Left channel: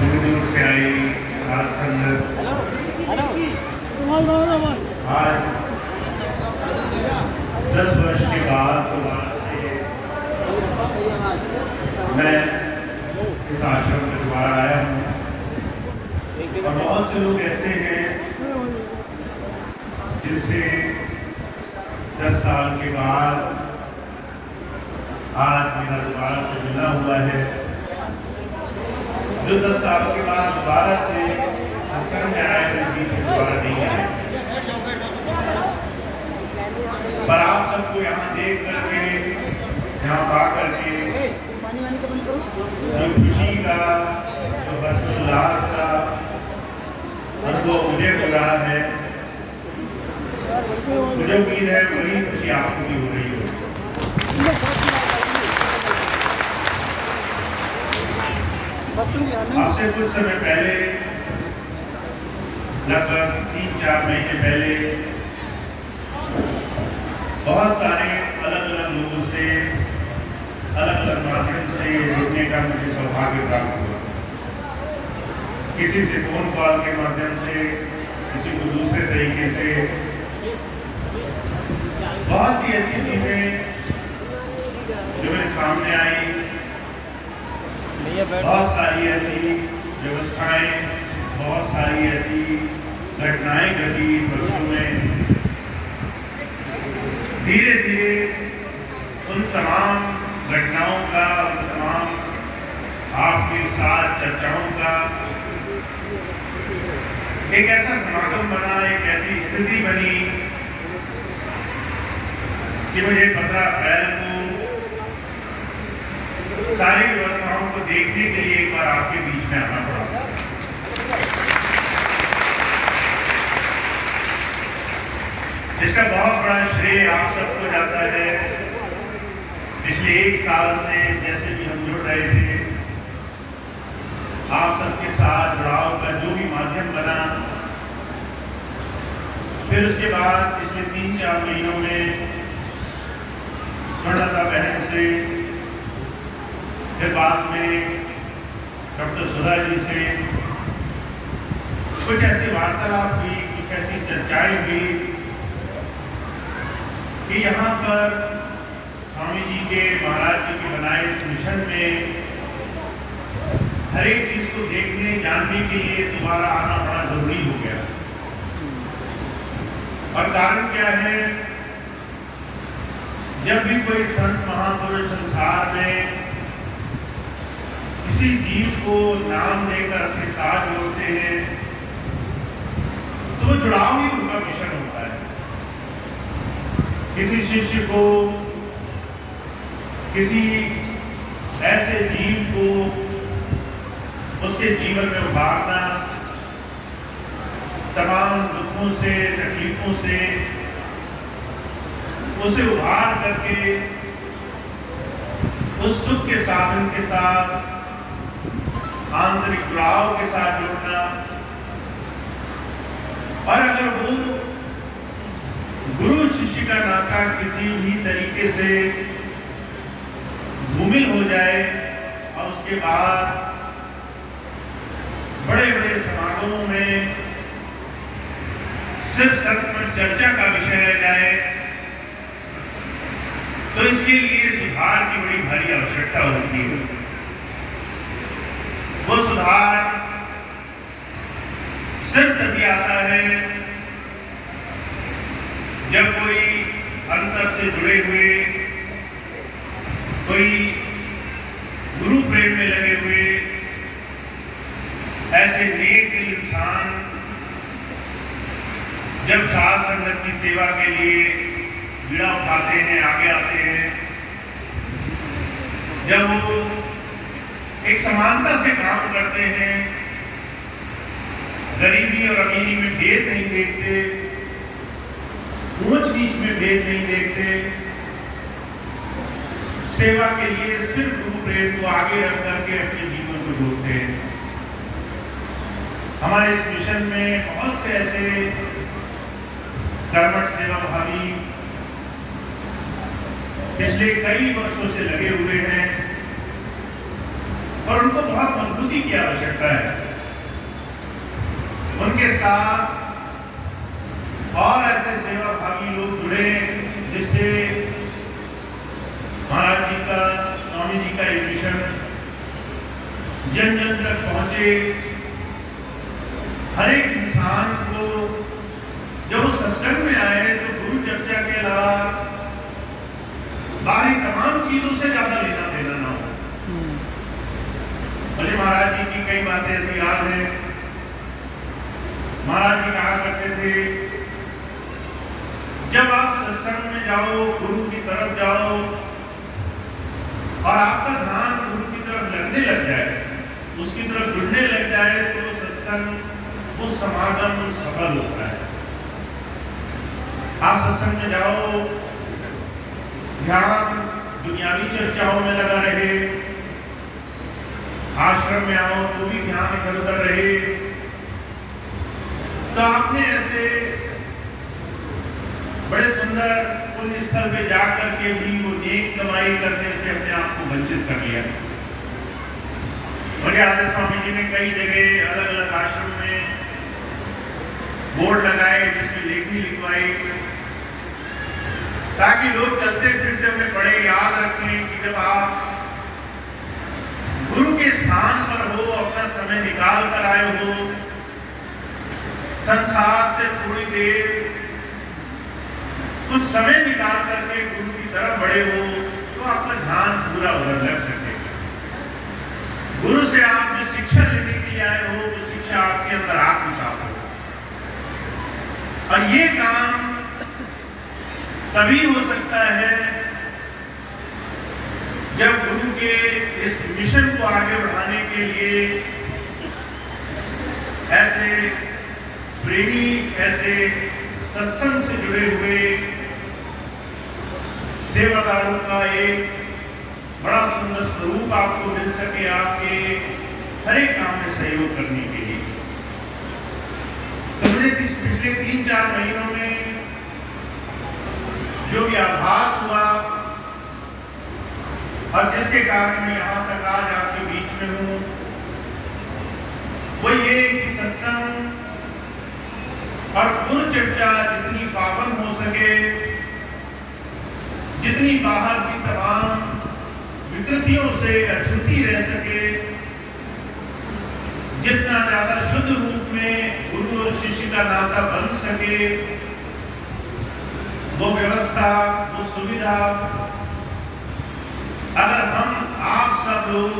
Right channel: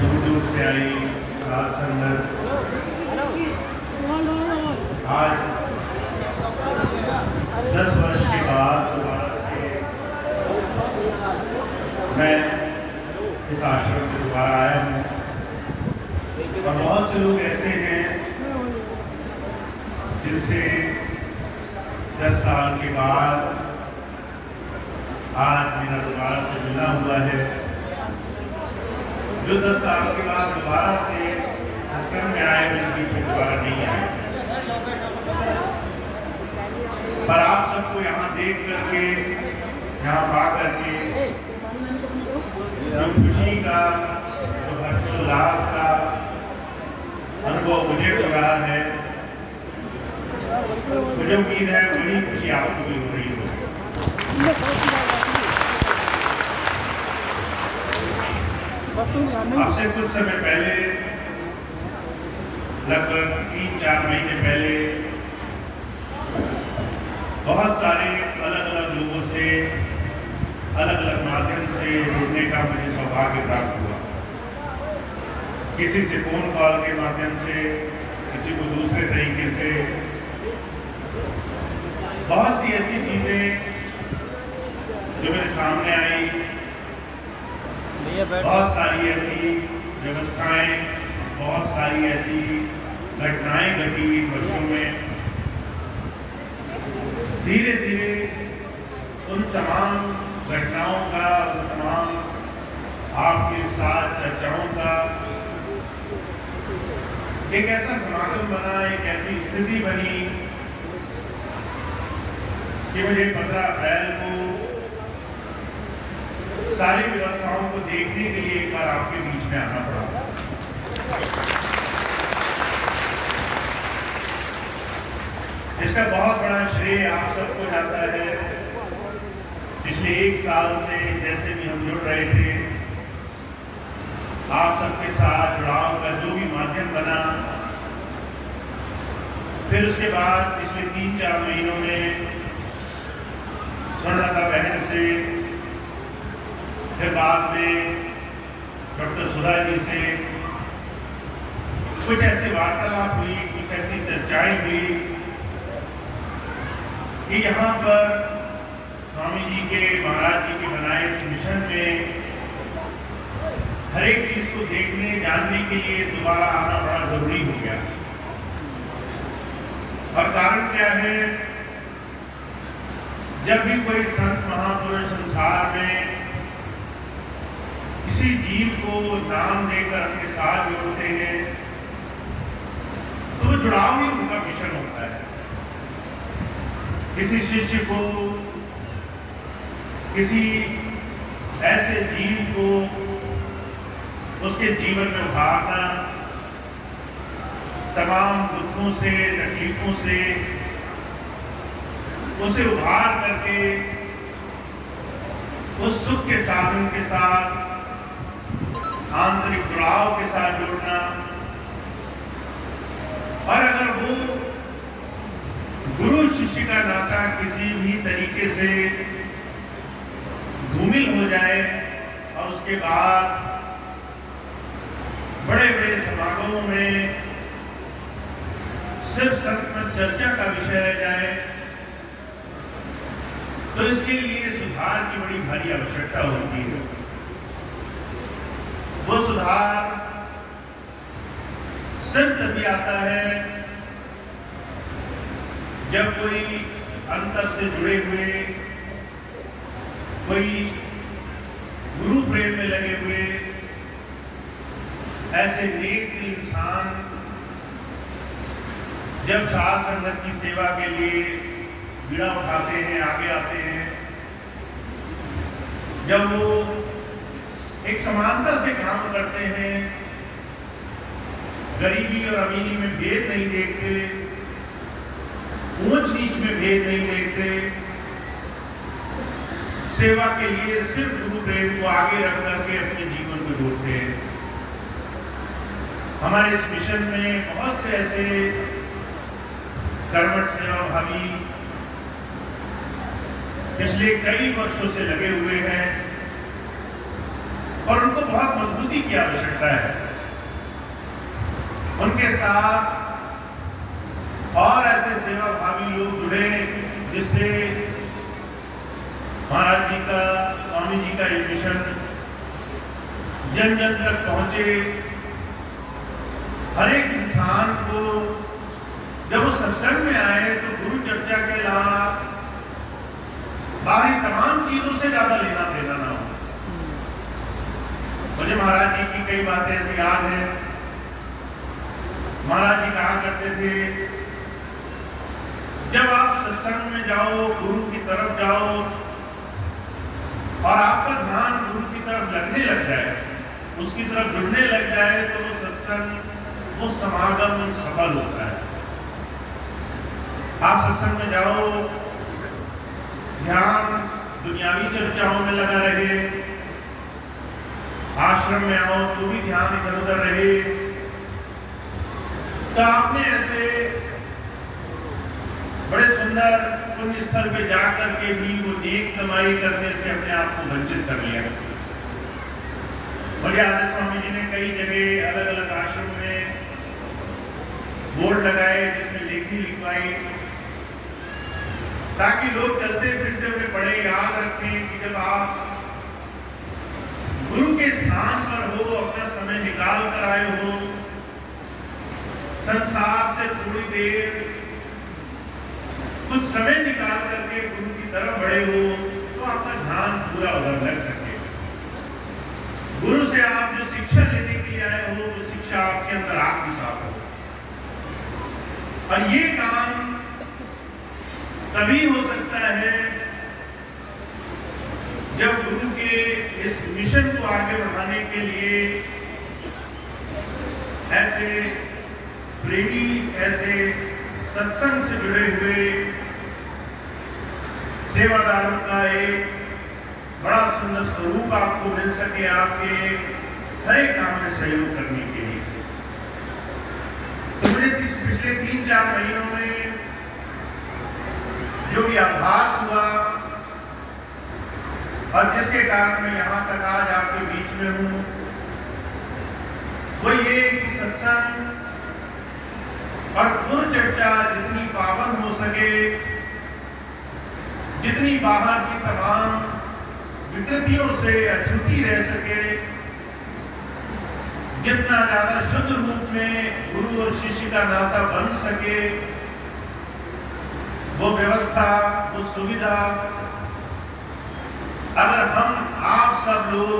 दूर दूर से आई साध संगत आज 10 वर्ष के बाद दोबारा से मैं इस आश्रम में दोबारा आया हूँ। और बहुत से लोग ऐसे हैं जिनसे 10 साल के बाद आज मेरा दोबारा से मिलना हुआ है। जो 10 साल के बाद दोबारा से आश्रम में आए उस बीच में दोबारा नहीं आए। पर आप सबको यहाँ देख करके, यहाँ पा करके जो खुशी का, जो हर्षोल्लास का अनुभव मुझे हो रहा है, मुझे उम्मीद है वही खुशी आपको भी हो रही हो। आपसे कुछ समय पहले, लगभग 3-4 महीने पहले, बहुत सारे अलग अलग लोगों से अलग अलग माध्यम से जुड़ने का मुझे सौभाग्य प्राप्त हुआ। किसी से फोन कॉल के माध्यम से, किसी को दूसरे तरीके से, बहुत सी ऐसी चीजें जो मेरे सामने आई, बहुत सारी ऐसी व्यवस्थाएं, बहुत सारी ऐसी घटनाएं घटी वर्षों में। धीरे धीरे उन तमाम घटनाओं का, उन तमाम आपके साथ चर्चाओं का एक ऐसा समागम बना, एक ऐसी स्थिति बनी कि मुझे 15 अप्रैल को सारी व्यवस्थाओं को देखने के लिए एक बार आपके बीच में आना पड़ा। इसका बहुत बड़ा श्रेय आप सबको जाता है। पिछले 1 साल से जैसे भी हम जुड़ रहे थे, आप सबके साथ जुड़ाव का जो भी माध्यम बना, फिर उसके बाद पिछले 3-4 महीनों में स्वर्णलता बहन से, फिर बाद में डॉक्टर सुधा जी से कुछ ऐसी वार्तालाप हुई, कुछ ऐसी चर्चाएं हुई कि यहाँ पर स्वामी जी के, महाराज जी के बनाए इस मिशन में हर एक चीज को देखने, जानने के लिए दोबारा आना बड़ा जरूरी हो गया। और कारण क्या है? जब भी कोई संत महापुरुष संसार में किसी जीव को नाम देकर अपने साथ जोड़ते हैं, तो जुड़ाव ही उनका मिशन होता है। किसी शिष्य को, किसी ऐसे जीव को उसके जीवन में उभारना, तमाम दुखों से, तकलीफों से उसे उभार करके उस सुख के साधन के साथ, आंतरिक जुड़ाव के साथ जोड़ना। और अगर वो गुरु शिष्य का नाता किसी भी तरीके से धूमिल हो जाए और उसके बाद बड़े बड़े समागमों में सिर्फ संत पर चर्चा का विषय रह जाए, तो इसके लिए सुधार की बड़ी भारी आवश्यकता होती है। वो सुधार सिर्फ तभी आता है जब कोई अंतर से जुड़े हुए, कोई गुरु प्रेम में लगे हुए ऐसे नेक दिल इंसान जब साध संगत की सेवा के लिए बीड़ा उठाते हैं, आगे आते हैं, जब वो एक समानता से काम करते हैं, गरीबी और अमीरी में भेद नहीं देखते, ऊंच नीच में भेद नहीं देखते, सेवा के लिए सिर्फ गुरु प्रेम को आगे रख करके अपने जीवन को जोड़ते हैं। हमारे इस मिशन में बहुत से ऐसे कर्मठ सेवा भावी पिछले कई वर्षों से लगे हुए हैं और उनको बहुत मजबूती की आवश्यकता है। उनके साथ और ऐसे सेवा भावी लोग जुड़े जिससे महाराज जी का, स्वामी जी का ये मिशन जन जन तक पहुंचे। हर एक इंसान को जब वो सत्संग में आए तो गुरु चर्चा के अलावा बाहरी तमाम चीजों से ज्यादा लेना देना ना हो। मुझे महाराज जी की कई बातें ऐसी याद है। महाराज जी कहा करते थे, जब आप सत्संग में जाओ, गुरु की तरफ जाओ और आपका ध्यान गुरु की तरफ लगने लग जाए, उसकी तरफ जुड़ने लग जाए, तो वो सत्संग, वो समागम सफल होता है। आप सत्संग में जाओ, ध्यान दुनियावी चर्चाओं में लगा रहे, आश्रम में आओ तो भी ध्यान इधर उधर रहे, तो आपने ऐसे बड़े सुंदर पुण्य स्थल पे जाकर के भी वो नेक कमाई करने से अपने आप को वंचित कर लिया। मुझे आदि स्वामी जी ने कई जगह अलग अलग आश्रम में बोर्ड लगाए जिसमें लेखनी लिखवाई, ताकि लोग चलते फिरते हुए बड़े याद रखें कि जब आप गुरु के स्थान पर हो, अपना समय निकाल कर आए हो, संसार से थोड़ी देर कुछ समय निकाल करके गुरु की तरफ बढ़े हो, तो आपका ध्यान पूरा उधर लग सके। गुरु से आप जो शिक्षा लेने के लिए आए हो, वो शिक्षा आपके अंदर आत्मसात हो। और ये काम तभी हो सकता है जब गुरु के इस मिशन को आगे बढ़ाने के लिए ऐसे प्रेमी, ऐसे सत्संग से जुड़े हुए सेवादारों का एक बड़ा सुंदर स्वरूप आपको मिल सके, आपके हर एक काम में सहयोग करने के लिए। तो मुझे पिछले 3-4 महीनों में जो भी आभास हुआ और जिसके कारण मैं यहाँ तक आज आपके बीच में हूँ, वो ये कि सत्संग और गुरु चर्चा जितनी पावन हो सके, जितनी बाहर की तमाम विकृतियों से अछूती रह सके, जितना ज्यादा शुद्ध रूप में गुरु और शिष्य का नाता बन सके, वो व्यवस्था, वो सुविधा अगर हम आप सब लोग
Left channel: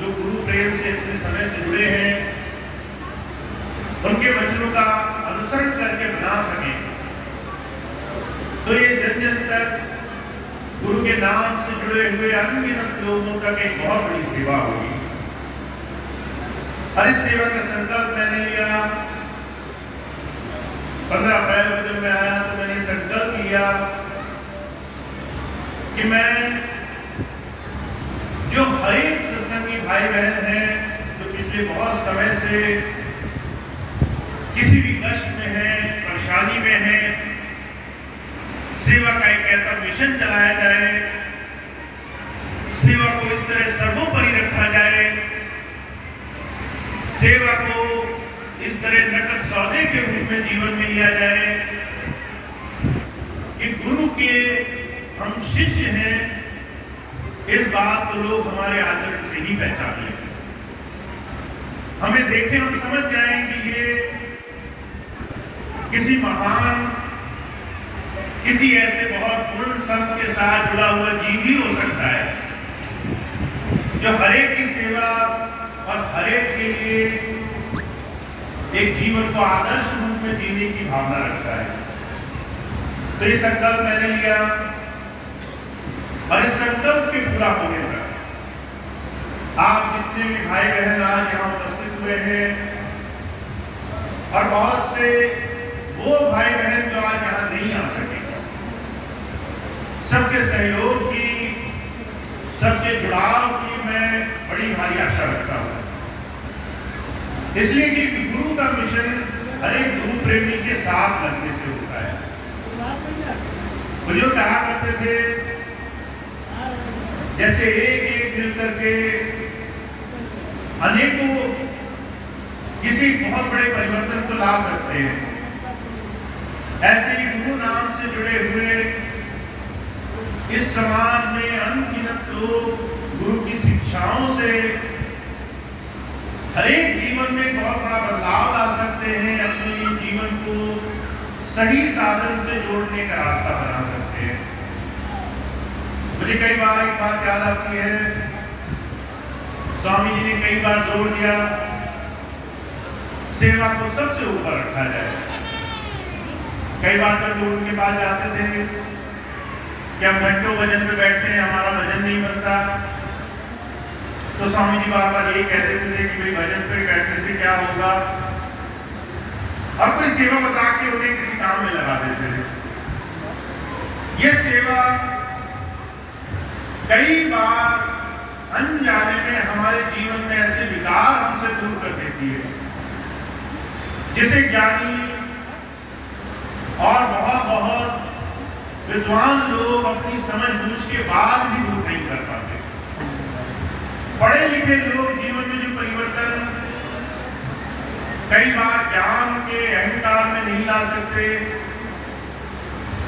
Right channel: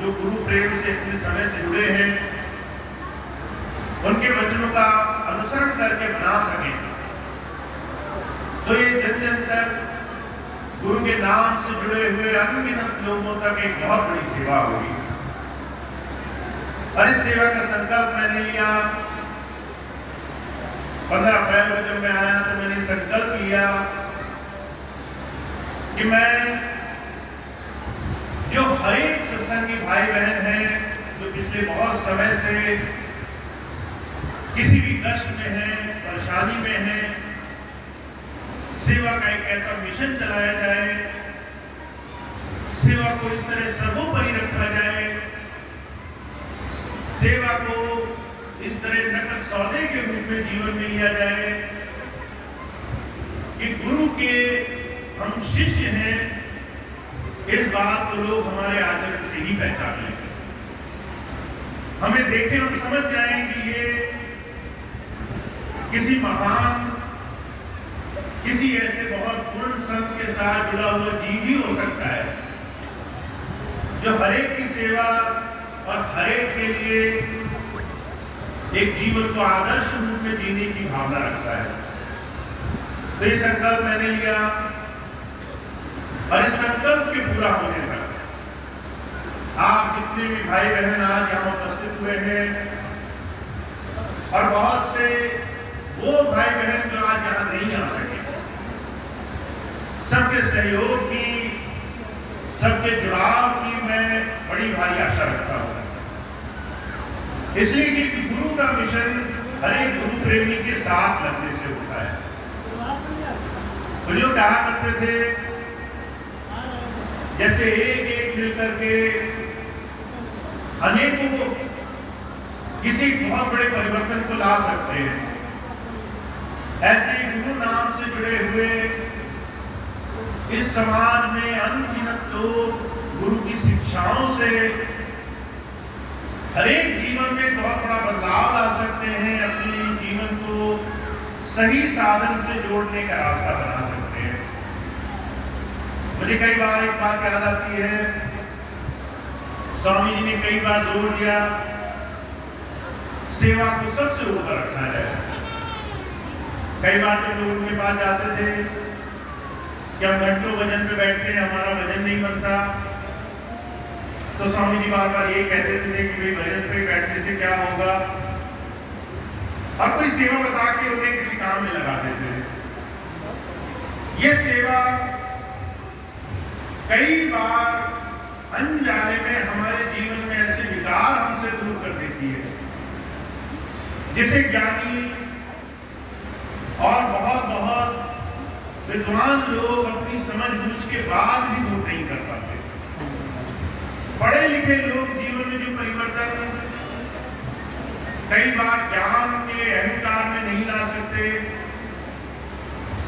जो गुरु प्रेम से इतने समय से जुड़े हैं, उनके वचनों का अनुसरण करके बना सकें, तो ये जन जन तक गुरु के नाम से जुड़े हुए अनगिनत लोगों तक एक बहुत बड़ी सेवा होगी। और इस सेवा का संकल्प मैंने लिया 15 अप्रैल को जब मैं आया, तो मैंने संकल्प लिया कि मैं जो हर एक सत्संगी भाई बहन हैं जो पिछले बहुत समय से किसी भी कष्ट में है, परेशानी में है, सेवा का एक ऐसा मिशन चलाया जाए, सेवा को इस तरह सर्वोपरि रखा जाए, सेवा को इस तरह नकद सौदे के रूप में जीवन में लिया जाए कि गुरु के हम शिष्य हैं, इस बात को लोग हमारे आचरण से ही पहचाने, हमें देखें और समझ जाएं कि ये किसी महान, किसी ऐसे बहुत पूर्ण संत के साथ जुड़ा हुआ जीव ही हो सकता है, जो हर एक की सेवा और हर एक के लिए एक जीवन को आदर्श रूप में जीने की भावना रखता है। तो ये संकल्प मैंने लिया और इस संकल्प के पूरा होने तक आप जितने भी भाई बहन आज यहाँ उपस्थित हुए हैं और बहुत से वो भाई बहन जो आज यहाँ नहीं आ सके, सबके सहयोग की, सबके जुड़ाव की मैं बड़ी भारी आशा रखता हूँ। इसलिए कि गुरु का मिशन हर एक गुरु प्रेमी के साथ लगने से होता है। जो कहा करते थे जैसे एक एक मिल करके अनेकों किसी बहुत बड़े परिवर्तन को ला सकते हैं। ऐसे ही गुरु नाम से जुड़े हुए इस समाज में अनगिनत लोग गुरु की शिक्षाओं से हर एक जीवन में बहुत बड़ा बदलाव ला सकते हैं, अपने जीवन को सही साधन से जोड़ने का रास्ता बना सकते हैं। मुझे कई बार एक बात याद आती है, स्वामी जी ने कई बार जोर दिया सेवा को सबसे ऊपर रखा है। कई बार जब लोग उनके पास जाते थे कि हम घंटों भजन पे बैठते हैं, हमारा भजन नहीं बनता, तो स्वामी जी बार बार ये कहते थे कि भाई भजन पे बैठने से क्या होगा, और कोई सेवा बता के उन्हें किसी काम में लगा देते थे। ये सेवा कई बार अनजाने में हमारे जीवन में ऐसे विकार हमसे दूर कर देती है, जिसे ज्ञानी और बहुत बहुत विद्वान लोग अपनी समझ बूझ के बाद भी दूर नहीं कर पाते। पढ़े लिखे लोग जीवन में जो परिवर्तन कई बार ज्ञान के अहंकार में नहीं ला सकते,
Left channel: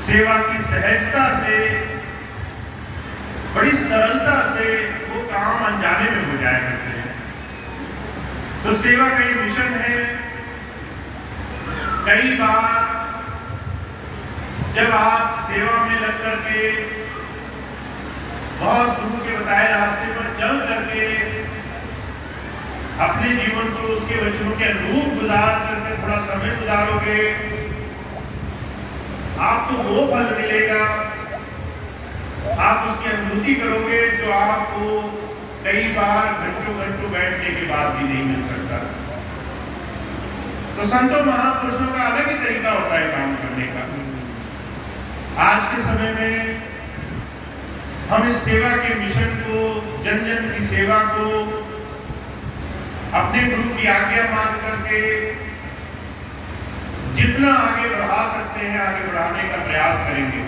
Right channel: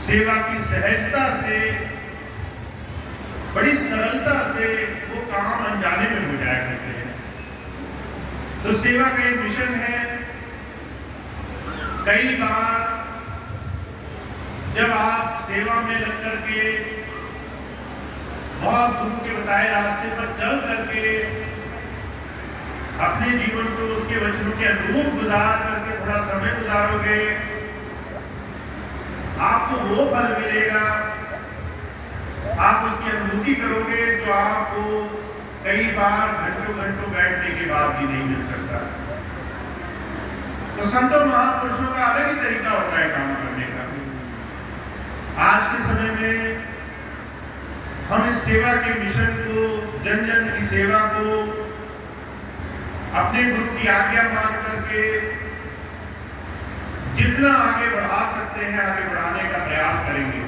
सेवा की सहजता से, बड़ी सरलता से वो काम अनजाने में हो जाया करते हैं। तो सेवा का एक मिशन है। कई बार जब आप सेवा में लग करके बहुत गुरु के बताए रास्ते पर चल करके अपने जीवन को उसके वचनों के अनुरूप गुजार करके थोड़ा समय गुजारोगे, आपको वो फल मिलेगा, आप उसकी अनुभूति करोगे जो आपको कई बार घंटों घंटों बैठने के बाद भी नहीं मिल सकता। तो संतों महापुरुषों का अलग ही तरीका होता है काम करने का। आज के समय में हम इस सेवा के मिशन को, जन जन की सेवा को अपने गुरु की आज्ञा मान करके जितना आगे बढ़ा सकते हैं आगे बढ़ाने का प्रयास करेंगे।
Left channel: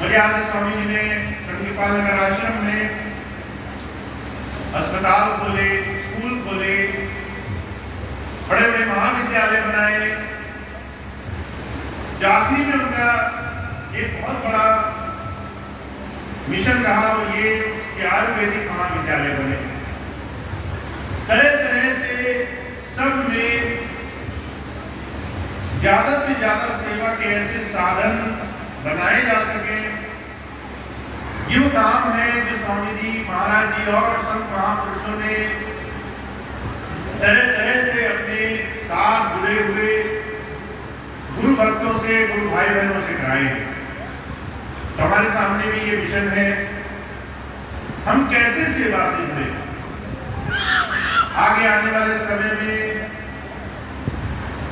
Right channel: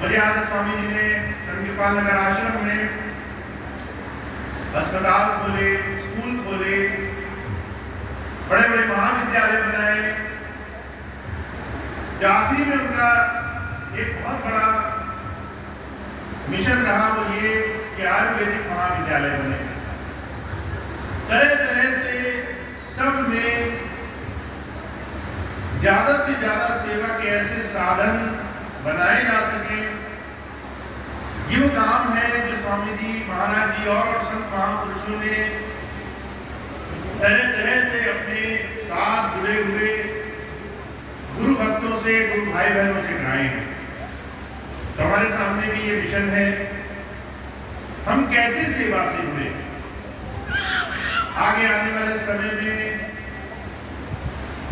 मुझे याद है स्वामी जी ने संगीपाल नगर आश्रम में अस्पताल खोले, स्कूल खोले, बड़े बड़े महाविद्यालय बनाए। जो आखिरी में उनका एक बहुत बड़ा मिशन रहा वो ये कि आयुर्वेदिक महाविद्यालय बने। तरह तरह से सब में ज्यादा से ज्यादा सेवा के ऐसे साधन बनाए जा सके। ये वो काम है जो स्वामी जी, महाराज जी और संत महापुरुषों ने तरह तरह से अपने साथ जुड़े हुए गुरु भक्तों से, गुरु भाई बहनों से कराए हैं। तो हमारे सामने भी ये मिशन है, हम कैसे सेवा से जुड़े। आगे आने वाले समय में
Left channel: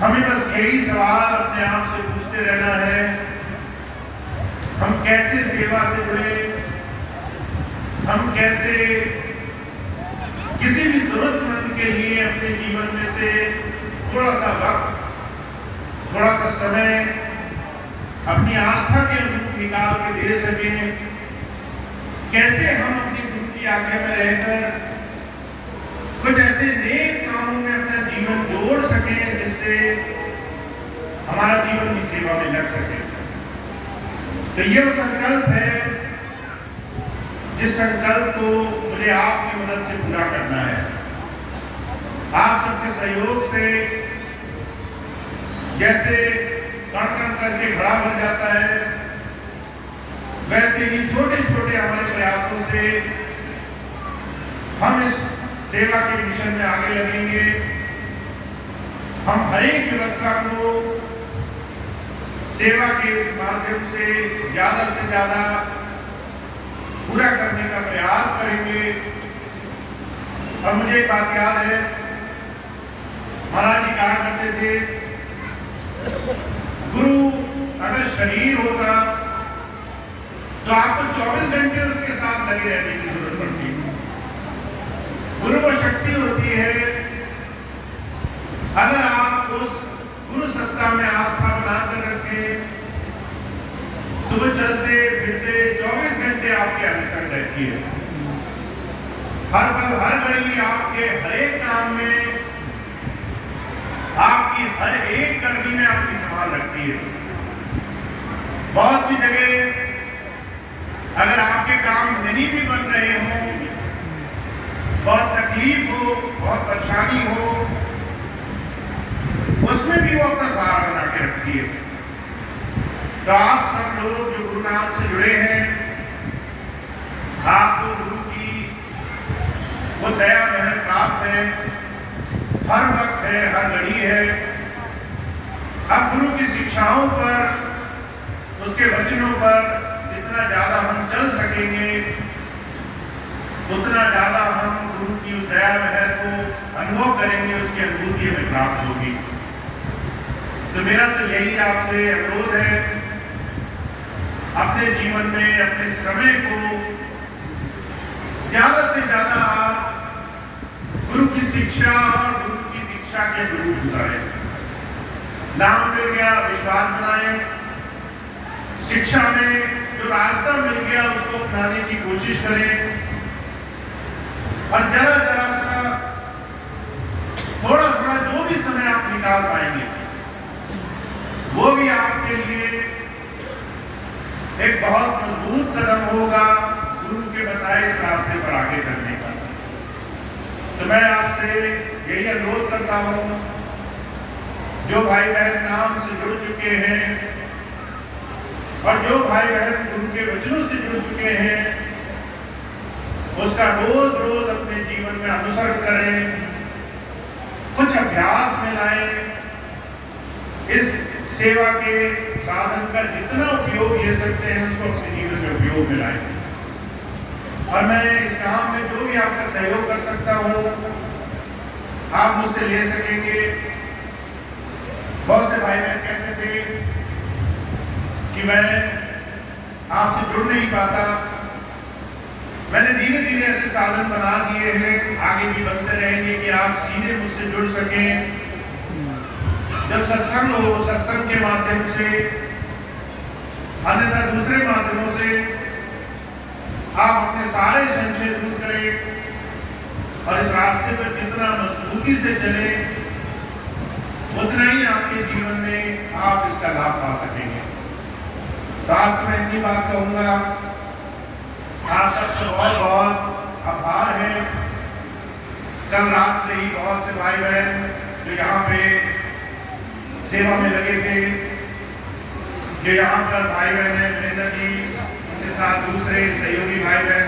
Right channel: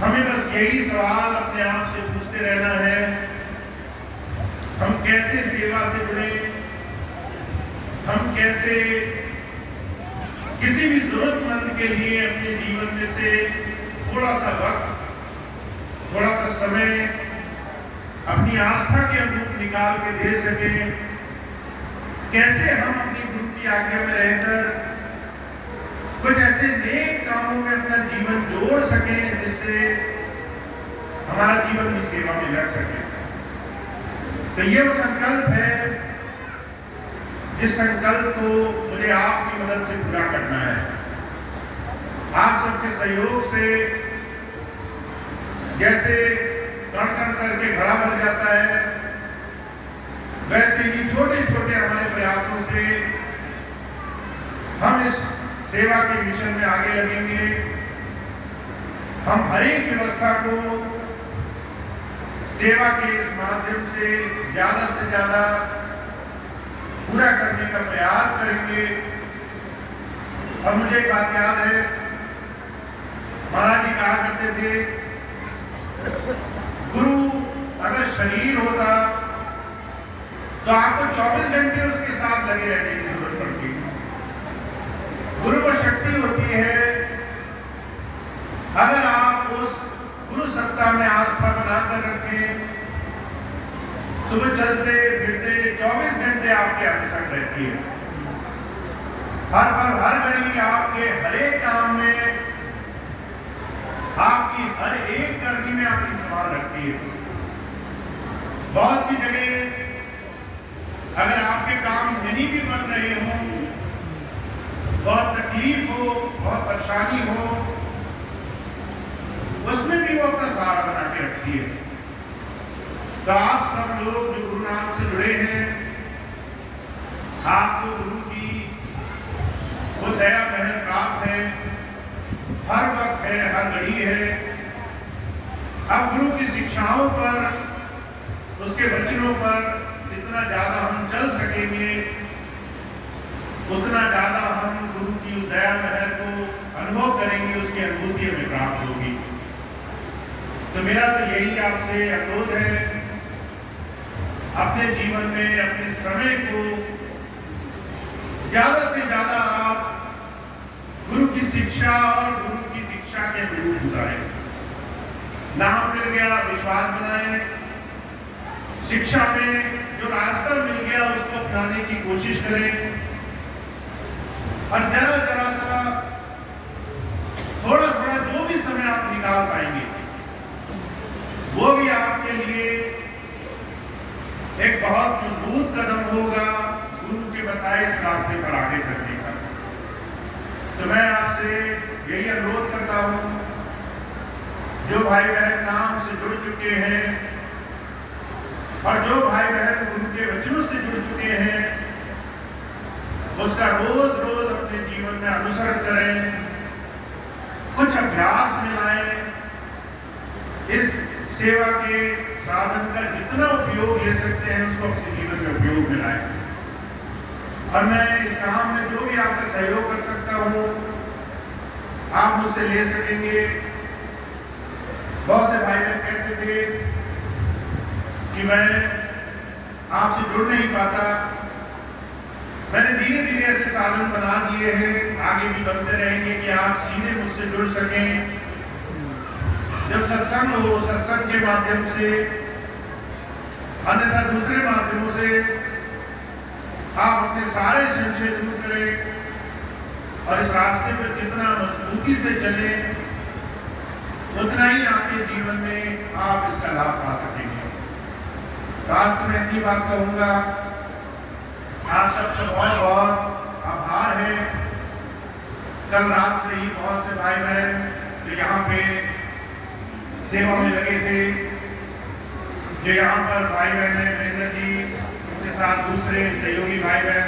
हमें बस यही सवाल अपने आप से पूछते रहना है, हम कैसे सेवा से जुड़े, हम कैसे किसी भी जरूरतमंद के लिए अपने जीवन में से थोड़ा सा वक्त, थोड़ा सा समय अपनी आस्था के अनुरूप निकाल के दे सकें। कैसे हम अपनी गुरु की आज्ञा में रहकर कुछ ऐसे नेक कामों में अपना जीवन जोड़ सकें जिससे हमारा जीवन भी सेवा में लग सके। तो ये वो संकल्प है जिस संकल्प को मुझे आपकी मदद से पूरा करना है। आप सबके सहयोग से जैसे कण कण करके घड़ा भर जाता है, वैसे ही छोटे छोटे हमारे प्रयासों से हम इस सेवा के मिशन में आगे लगेंगे। हम हर एक व्यवस्था को सेवा के इस माध्यम से ज्यादा पूरा करने का प्रयास करेंगे। और मुझे एक बात याद है, महाराज जी कहा करते थे, गुरु अगर शरीर होता तो आपको 24 घंटे उसके साथ लगे रहने की जरूरत पड़ती है। गुरु को शक्ति होती है, अगर आप उस गुरु सत्ता में आस्था बनाकर रखें तो वो चलते फिरते 24 घंटे आपके अंग संग रहती है। हर पल हर घड़ी आपके हर एक काम में, आपकी हर एक करनी में आपकी संभाल रखती है। बहुत सी जगह अगर आपके काम नहीं भी बन रहे हों, बहुत तकलीफ हो, बहुत परेशानी हो, उसमें भी वो अपना सहारा बना के रखती है। तो आप सब लोग जो गुरु नाम से जुड़े हैं, आपको गुरु की वो दया महर प्राप्त है, हर वक्त है, हर घड़ी है। अब गुरु की शिक्षाओं पर, उसके वचनों पर जितना ज्यादा हम चल सकेंगे, उतना ज्यादा हम गुरु की उस दया महर को अनुभव करेंगे, उसकी अनुभूति हमें प्राप्त होगी। तो मेरा तो यही आपसे अनुरोध है, अपने जीवन में अपने समय को ज्यादा से ज्यादा आप गुरु की शिक्षा और गुरु की दीक्षा के गुरु गुजारें। नाम मिल गया, विश्वास बनाएं, शिक्षा में जो रास्ता मिल गया उसको अपनाने की कोशिश करें, और जरा जरा सा थोड़ा थोड़ा जो भी समय आप निकाल पाएंगे वो भी आपके लिए एक बहुत मजबूत कदम होगा गुरु के बताए इस रास्ते पर आगे चलने का। तो मैं आपसे यही अनुरोध करता हूं, जो भाई बहन नाम से जुड़ चुके हैं और जो भाई बहन गुरु के वचनों से जुड़ चुके हैं, उसका रोज रोज अपने जीवन में अनुसरण करें, कुछ अभ्यास में लाएं, इस सेवा के साधन का जितना उपयोग ले सकते हैं उसको अपने जीवन में उपयोग में लाएं। और मैं इस काम में जो भी आपका सहयोग कर सकता हूं आप मुझसे ले सकेंगे। बहुत से भाई बहन कहते थे कि मैं आपसे जुड़ नहीं पाता, मैंने धीरे धीरे ऐसे साधन बना दिए हैं, आगे भी बनते रहेंगे कि आप सीधे मुझसे जुड़ सकें। जब सत्संग हो, सत्संग के माध्यम से, अन्यथा दूसरे माध्यमों से आप अपने सारे संशय दूर करें और इस रास्ते पर जितना मजबूती से चले उतना ही आपके जीवन में आप इसका लाभ पा सकेंगे। रास्ते में इतनी बात कहूंगा, आप सबका बहुत बहुत आभार है। कल रात से ही बहुत से भाई बहन जो यहाँ पे सेवा में लगे थे, जो यहाँ पर भाई बहन है, वीरेंद्र जी, उनके साथ दूसरे सहयोगी भाई बहन